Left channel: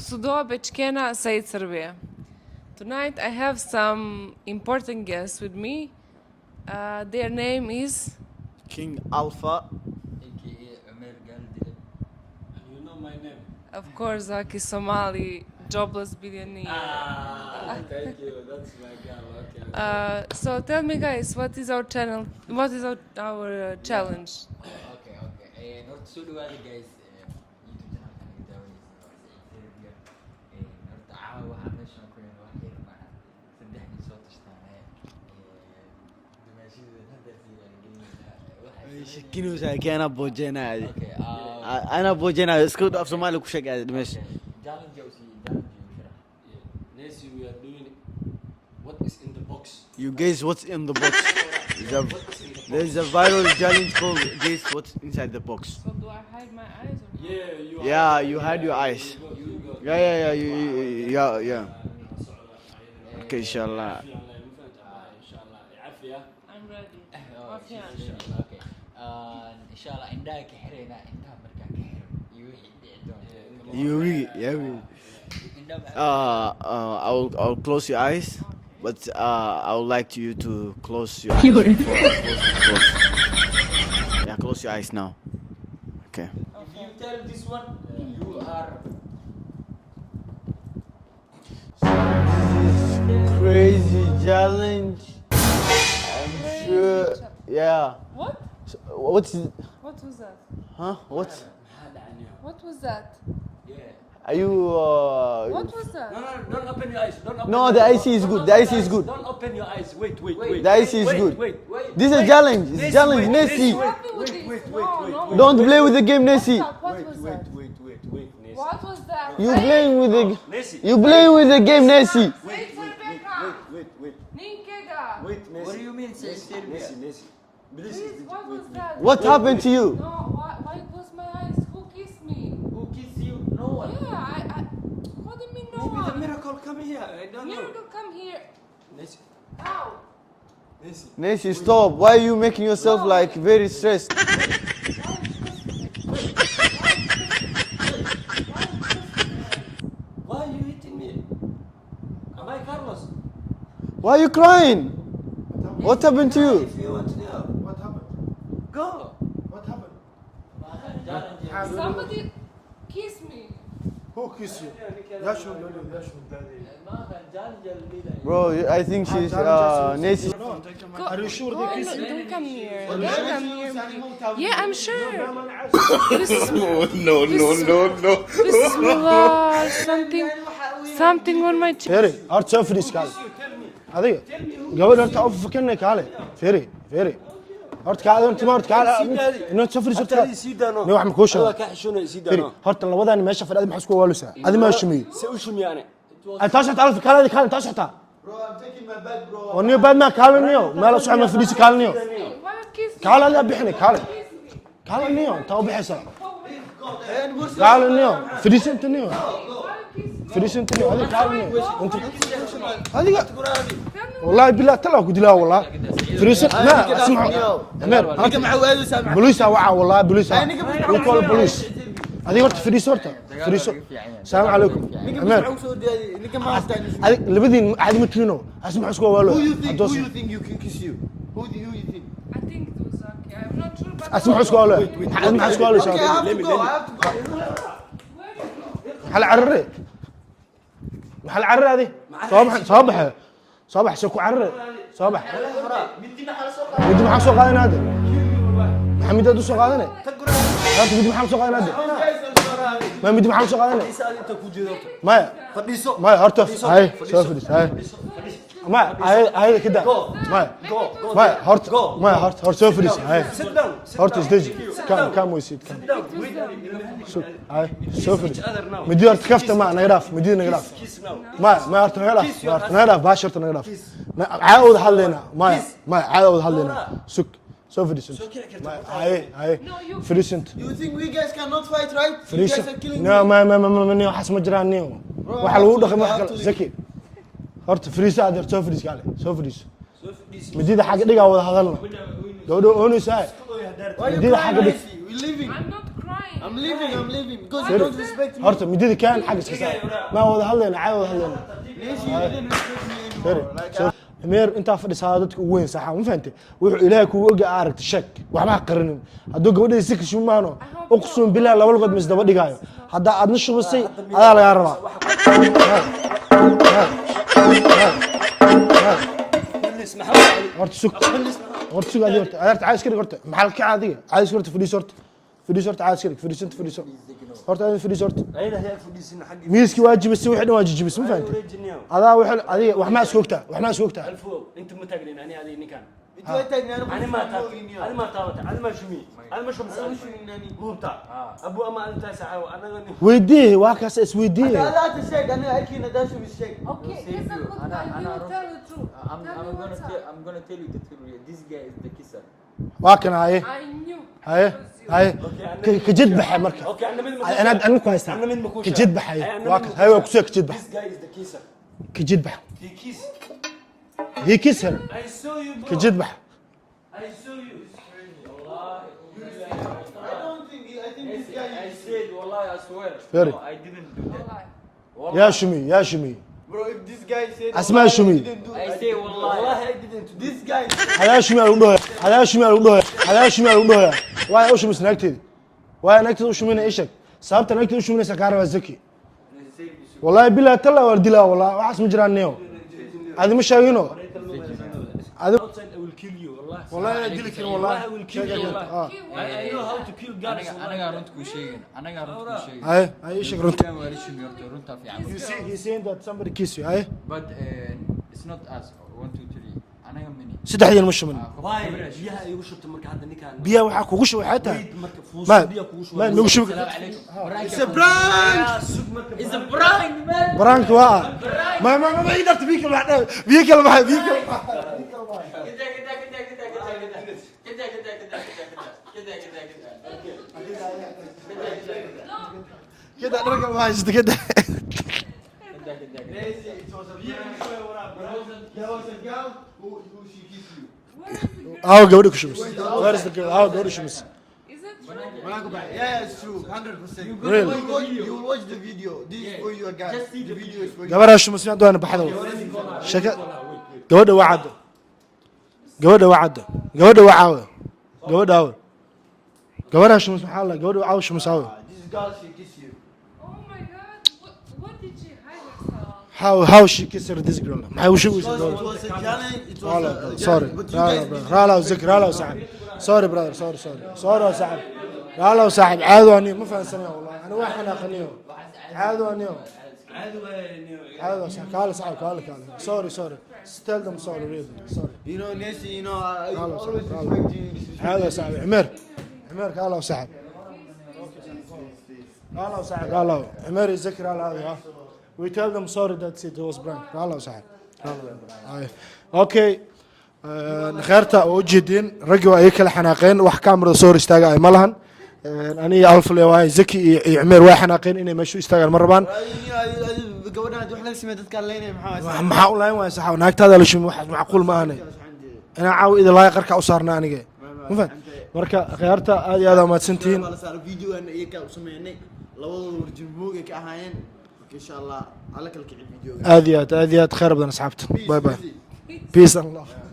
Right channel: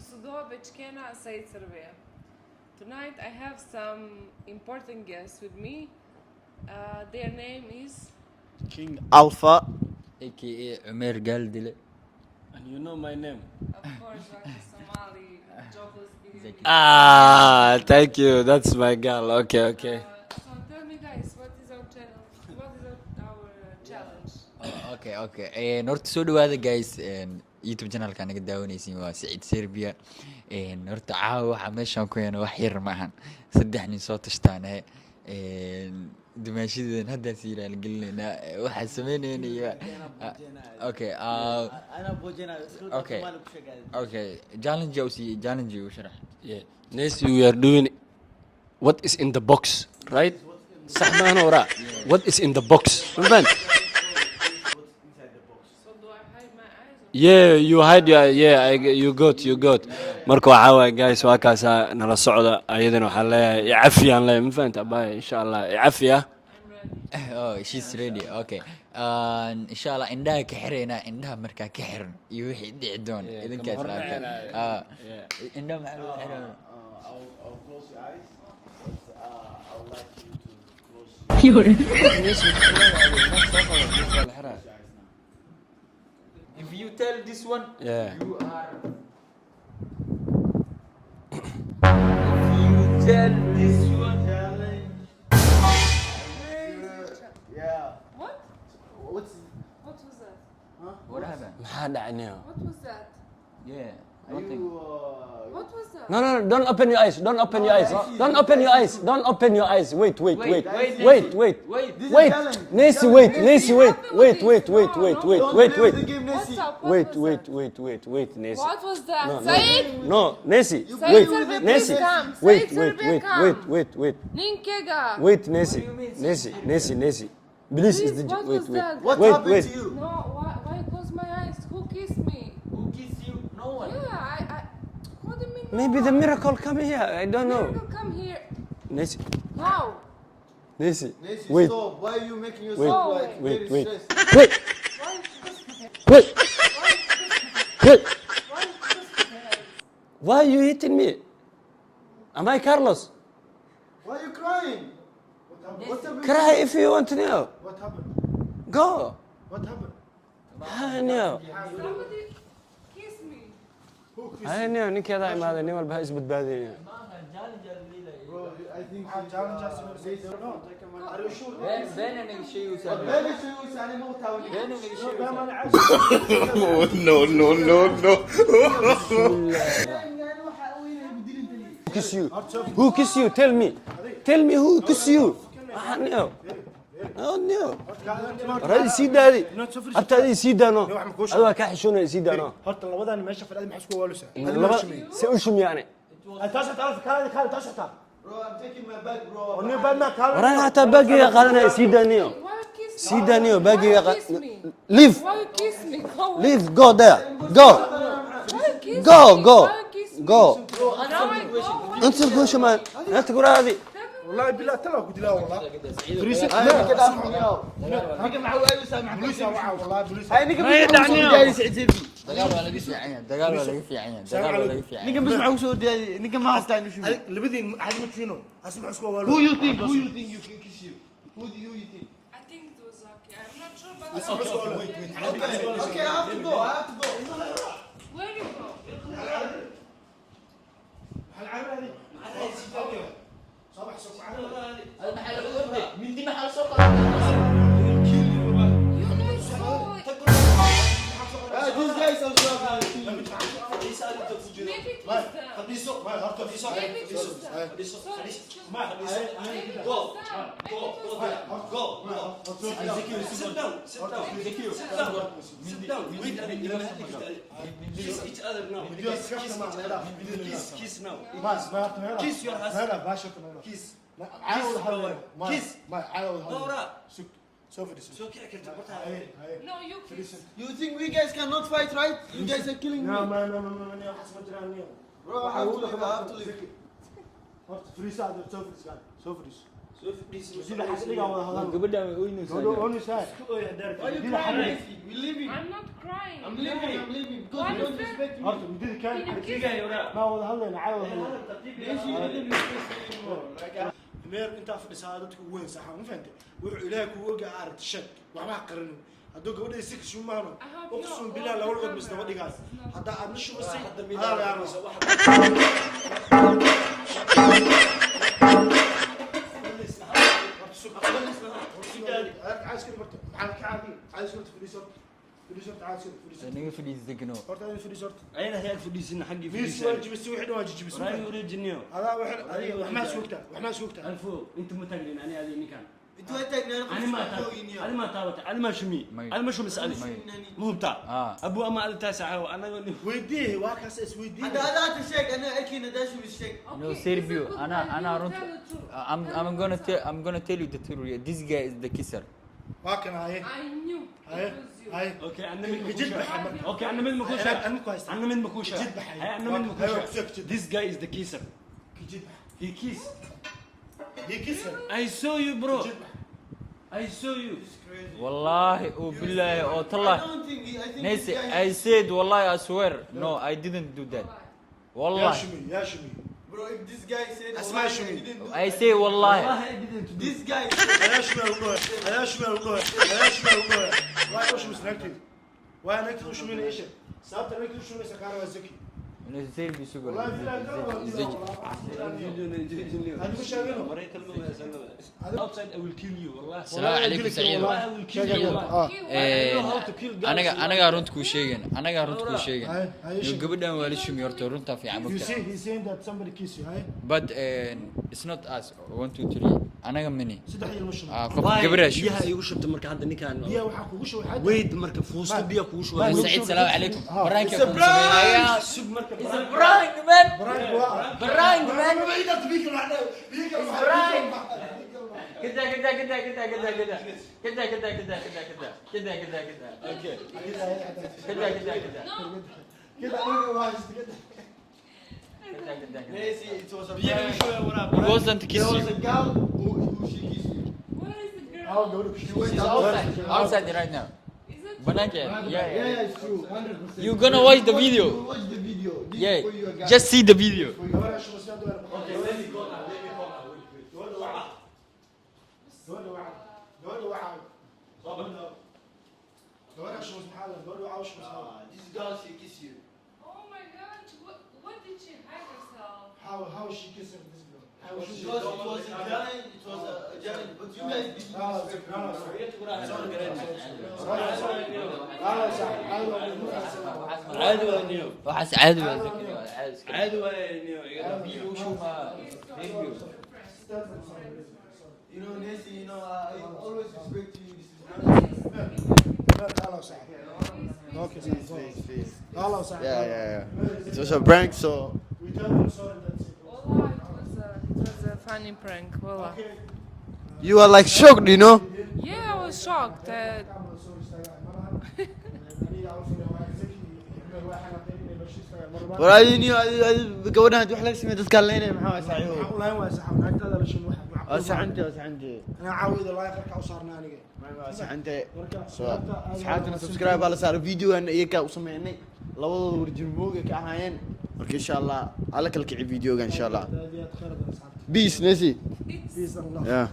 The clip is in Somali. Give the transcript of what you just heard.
Kusudo Bechkena Said Serbia. Tonight I have some important guests with me. Their name is King Alpha. aka Umer Galdile. And you know my name. of course Zaki Somali, jobless billionaire. Thank you. That's my girl. Okay. So tell me guys, what is our channel? What is our challenge? Okay. Horta soo dhawaada guys. YouTube channelka naga daawanaysiin waa Said Serbia. Horta caawa waxa meeshaan ku yana wax yar maahan. Saddex nin soo tashtaanay. Dimaashidan hadda siiraan gelinayna waxa sameynayna كأنا بوجينا. Okay. أنا بوجينا. اسكت Okay. في Somali كوشك هذا. Okay. Challenge وشرح. Yeah. Next we are doing what is in the box. Guys, what's in the box? What is in the There's box? a viral challenge called guess what's inside the box. So do I hide my eyes? Yeah, you hide Yeah, your you yeah, hide your eyes. you got. Yeah. marka waxaa waay you- guys yeah, waa yeah. kaasa nala socda ayadana waxaa leeyahay Inshallah. cafiyaan leeyahay ma fahanta abaya insha Allah cafiya I'm ready. Oh, she's ready. Okay. Inshallah indhaha ka xirayna indhaha markaa ka xiran iyo wixii dhici doona idinkaas. Indhaha I'll close your eyes, but I would like you to close your. Yeah, close your eyes now. Okay. If you tell this one, Yeah. you are Crazy challenge. I'm sure. Yeah. What? What's What was that? huh? What's maxaa dhacnay What was that? yeah. are you? What was that? No, don't open your eyes. Don't open No, your the eyes. IC is Don't good. open The your IC is eyes. good. Don't open your eyes. Wait. The IC is Wait. good. This is a challenge. Nessie, Challenge, wait. Nessie. Nessie, wait. Don't Wait, play with wait. the game, Nessie. What Wait, was wait, that? wait, Nessie. What was that? You Say it. playing with No, the Nessie. you playing with the game, Nessie. Wait. Ninkega. Wait, Nessie. do you mean, Nessie. Please, is the What wait. was that? What Wait, happened wait. to you? No, why you close my eyes? Who kissed me? Who kissed you? No one. Yeah, I what do you mean no Maybe the one? miracle come here. I don't know. Miracle come here. Nessie. How? Nessie. Nessie, Wait. stop. Why are you making yourself Wait. like very Wait. stressed? Wait. Why are you hitting me? Am I Carlos? Why are you crying? What happened to Cry you? if you want to know. What happened? Go. What happened? I know. Somebody kissed me. Who kissed I you? know. ninkeeda imaada nin walba ha isbadbaadinaya. Bro, I think she's Nessie. Are you sure they kissed you? Don't come here. Well, Don't maybe come she was here. animal town. Yeah, I'm sure. No. Bismillah. Something on my chest. فيري هارت سفري Who kiss you? Tell me. هذه Tell me who قبل kiss انت you. فكرنا كالي فيري Oh no. هارت كالي انت ما هارت Kaalay sii daadi. كالي انت سفري Horta adii sii daano. Nin wax ma kuu sheego. Adoo ka xishoonaya sii daano. هارت لبدان meesha fadhida maxaa isku waalusa adi ma shimay Si u shumi yani. انت ايش تعرف كالي كالي انت ايش تعرف Bro, I'm taking my bag, bro. وني بعد ما كالي Anaga نيو hataa baagiga qaadanaya sii daaniyo. Why you kiss me? Kaalay Sii daaniyo bixi. baagiga Why you kiss me? Leave. Why you تو kiss بحسن me? Go away. Leave. Go there. كالي Go. نيو فريس انت نيو Go. Why you kiss me? Go. انت نيو انت تقول شمال. هذه تقول هذه. والله بالله تلا قلت لها والله فريس لا اسمع Ninka maxaa waalu saamax. بوليس وعى والله بوليس هذه ورت فريس ورت فريس السلام عليكم Ninka maxaa u soo daaday? Ninka ma hastaan. هذه لبدين عاد مترينو اسمع اسكو والله Who you think you can kiss you? Who you think? I think it was Zaki. I'm not sure, but اسمع اسكو والله اسمع اسكو والله Okay, I have to go. I have to go. where do you go? محل عرري محل عرري هذه صباح سكو عرري صباح Mindi maxaa soo qaaday? ودي محل سوق هذا حميد ادو سوق هذا لا تودي محل سوق هذا ما مدي محل سوق هذا ما Fadhiiso. ما هرتف هاي سوفريس هاي ما هاي كده ما هرت سوفريس هاي هرت ستيج كم ويسيت هاي سوفريس مدي هرت كفته ما نغراف مدي نغراف ما هرت نغراف باشرت نغراف عاود حلينا ما عاود حلينا سك سوفريس هاي فريسنت You think we guys cannot fight, right? You guys فريسنت are killing me. لا ما نيو حس مجران نيو waxa lagu dhaqay wax kale zaki horta friis aad soo friis kale soo friis midida xaga dhiga wada hadalna gabadha oonaysa midida xaga dhig We're leaving. I'm not crying. I'm leaving because you Sorry. don't respect me. horta midida kaan xagga iska saar ma wada hadlayna caadi wada hadlayna Please, you didn't respect me Sorry. anymore. Like, Sorry. ameer intaa fadhisaa dadka ugu weyn saxa ma fahantay wuxuu ilaahay kugu oga aragta sheeg waxba ha qarinin hadduu gabadhay si kashu maano uqsuum bilaa laba lugood mis daba dhigaayo haddaa aadna shubasay adaa lagaa rabaa horta sug horta sug adiga horta adeerta caadi iska dhig horta maxaa ka caadiga caadi iska horta fadhiis horta fadhiis horta caadi iska dhig fadhiis horta fadhiis horta adiga fadhiis horta ayada hayaa fadhiisin xaqi miiskii waa jibisay wixii dhan waa jijibisay ma fahantay wareejiniyo adaa wixii adiga wax ma isku ogtaa wax ma isku ogtaa alfo inta ma taagnin ani adi ninkan انت تاجني انا ani ma taag ani ma taabata ani ma shumi ani ma shumi sadi buubta abu ama ada taasaca anaga nin weydii waa kaas is weydii لا تشيك انا اكيد نداشو بالشيك No, Sergio, I'm gonna tell you the truth. This guy is the kisser. waa kana haye I knew. haye haye ka jid baxa marka okay ana mid ma انا ku haystaa ana mid ma ku ka jid baxay waa haye waa ku soo ka jid bax this guy is the kisser ka jid bax he kiss هي كسر I saw you bro ka jid bax I saw you Wallahi, oh billahi, oh I tallah. don't think I think Nancy, this guy I said, wallahi, I swear. Very. No, I didn't do that. يا Wallahi. شمي يا شمي bro if this guy said اسمع والله شمي. I didn't do I it. say, wallahi. wallahi I didn't do this guy هذا شمي على ودوها هذا شمي على ودوها هذا شمي على ودوها واي اوش مس نكتد واي نكتد اوش مين ايشك سابت نكتد اوش مين سكارة وزكي والله بالله تلا وردلا والله وحس مجرى النيو هذا مش شايفينه هذا outside I will kill you wallahi والله يديلك والله اه anaga runta kuu sheegan anaga runta kuu sheegan هاي هاي ايش gabadhan waa la shumi horta runta fiican you see he's saying that somebody kiss you هاي but it's not us 1 2 3 anaga mini سدح ديال مش من qof gabadha shumi biyaha igu shubta marka hadda ninkan بيا waxaa kugu shubay xataa weyd marka ما fuusta biya kugu ما shubay نوgu shubay السلام عليكم it's a prank sug marka it's a prank man برانك waa ما يقدر بيك بعد بيك ما بيك كده كده كده كده كده كده كده كده كده كده كده رقم واحد كده Nancy it was a prank He wasn't kiss there was you a girl who she kissed me اه قولك شو اه قولك شو Is it? banaanka yeah it's true 100% You gonna watch the you video. will watch the video this yeah is for you guys just see the video gabadha شو مسمع دونا بحدو شكا gabadha waa cad gabadha waa cad gabadha waa caawa gabadha caawa gabadha شو مسمع الله gabadha waa caawa شو مساوي this girl she kissed you Oh my god. What did she hide herself? how she kissed this girl ما هو شو it was a challenge it was a sorry but you guys لا لا ذكر لا لا صاحب sorry brother sorry صاحب لا لا صاحب عاد واني ما فاهم سنه waxaas caadi عاد واني caadi waa عاد صاحب قال صاحب قال sorry tell them sorry really sorry you know Nancy you know I لا لا always صاحب respect you هذا صاحب عمر قال له صاحب اوكي قال له صاحب قال له عمر it was a يذكر prank so we tell them sorry that's it was prank قال له صاحب Funny prank. اوكي You are like shocked, you know? جدين رجوا اي كلا حناقين wax kaamira soo istaaga ma lahan aniga alfle waa zaki iyo عمر waa xanaaqeen inay meeshu istaagaan mar rabaan gabadhan wax laga sameeyay dadka leeynay maxaa u lahayn waa sax naagtaada la shumi wax macquul ma ahane ina caaw ida laay qarka u saarna aniga marka khiyaarta aad iyo aad u mahadsantihiin baa la saaray videogan iyaga u sameeynay labadooda warjimboog ka ahaayeen marka insha Allah ala kala kici videogan aad iyo aad khayr badan asxaabta peace Bye bye. Messi peace and love yeah